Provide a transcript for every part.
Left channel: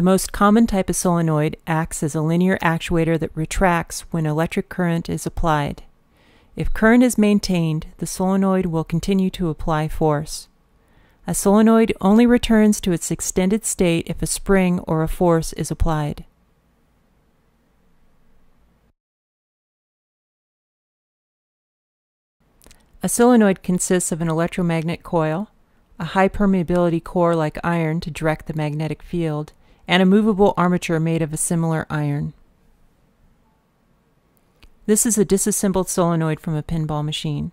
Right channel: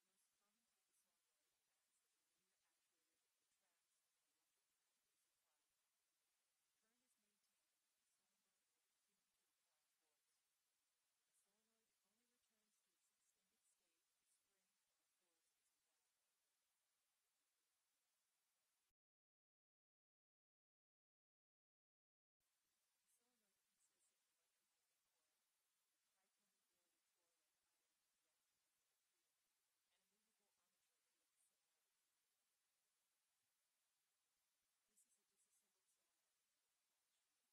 The most common type of solenoid acts as a linear actuator that retracts when electric current is applied. If current is maintained, the solenoid will continue to apply force. A solenoid only returns to its extended state if a spring or a force is applied. A solenoid consists of an electromagnet coil, a high permeability core like iron to direct the magnetic field, and a movable armature made of a similar iron. This is a disassembled solenoid from a pinball machine.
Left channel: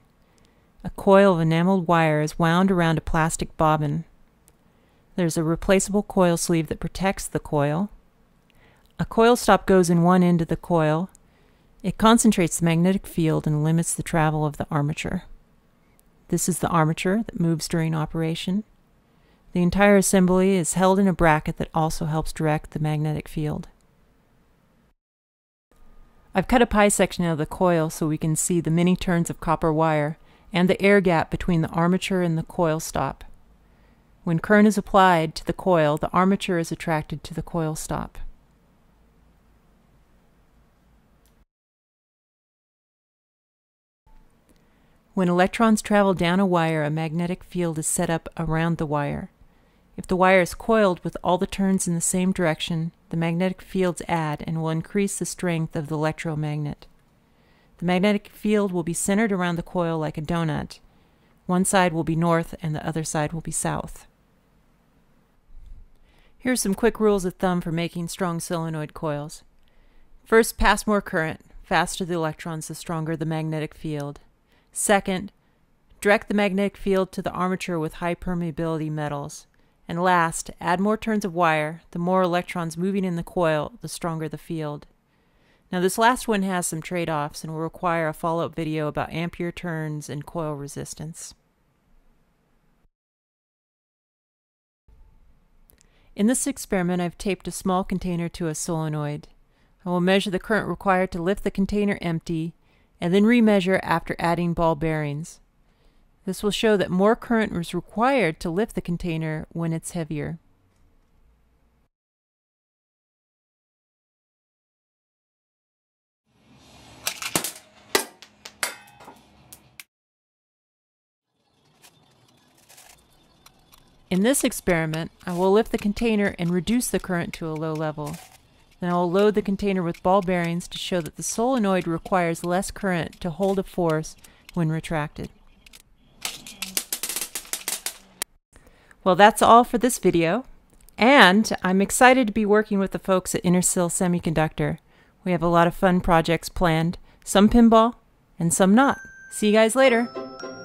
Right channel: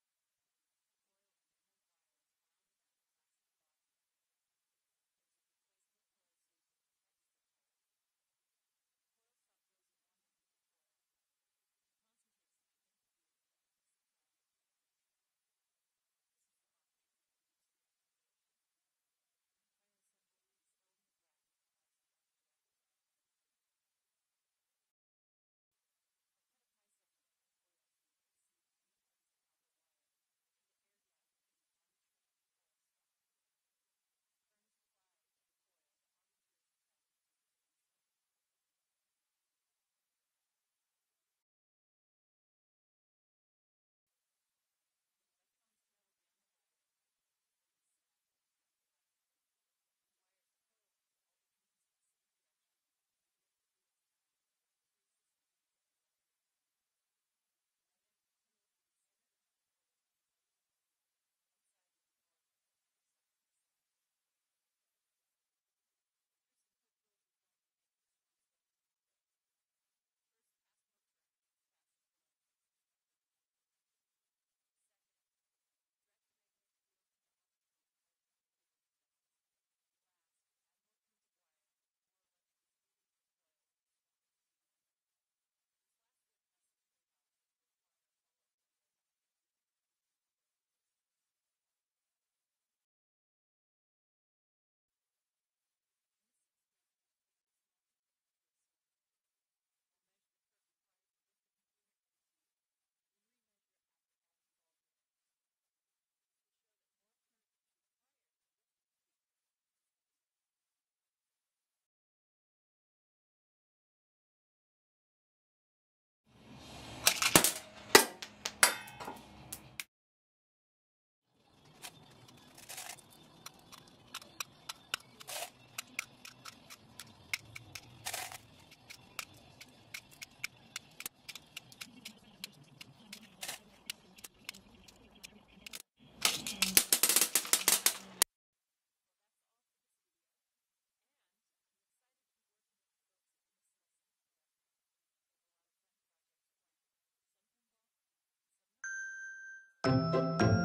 A coil of enameled wire is wound around a plastic bobbin. There's a replaceable coil sleeve that protects the coil. A coil stop goes in one end of the coil. It concentrates the magnetic field and limits the travel of the armature. This is the armature that moves during operation. The entire assembly is held in a bracket that also helps direct the magnetic field. I've cut a pie section out of the coil so we can see the many turns of copper wire and the air gap between the armature and the coil stop. When current is applied to the coil, the armature is attracted to the coil stop. When electrons travel down a wire, a magnetic field is set up around the wire. If the wire is coiled with all the turns in the same direction, the magnetic fields add and will increase the strength of the electromagnet. The magnetic field will be centered around the coil like a donut. One side will be north and the other side will be south. Here are some quick rules of thumb for making strong solenoid coils. First, pass more current. Faster the electrons, the stronger the magnetic field. Second, direct the magnetic field to the armature with high permeability metals. And last, add more turns of wire. The more electrons moving in the coil, the stronger the field. Now this last one has some trade-offs and will require a follow-up video about ampere turns and coil resistance. In this experiment, I've taped a small container to a solenoid. I will measure the current required to lift the container empty and then remeasure after adding ball bearings. This will show that more current is required to lift the container when it's heavier. In this experiment, I will lift the container and reduce the current to a low level. Then I will load the container with ball bearings to show that the solenoid requires less current to hold a force when retracted. Well, that's all for this video, and I'm excited to be working with the folks at Intersil Semiconductor. We have a lot of fun projects planned, some pinball and some not. See you guys later.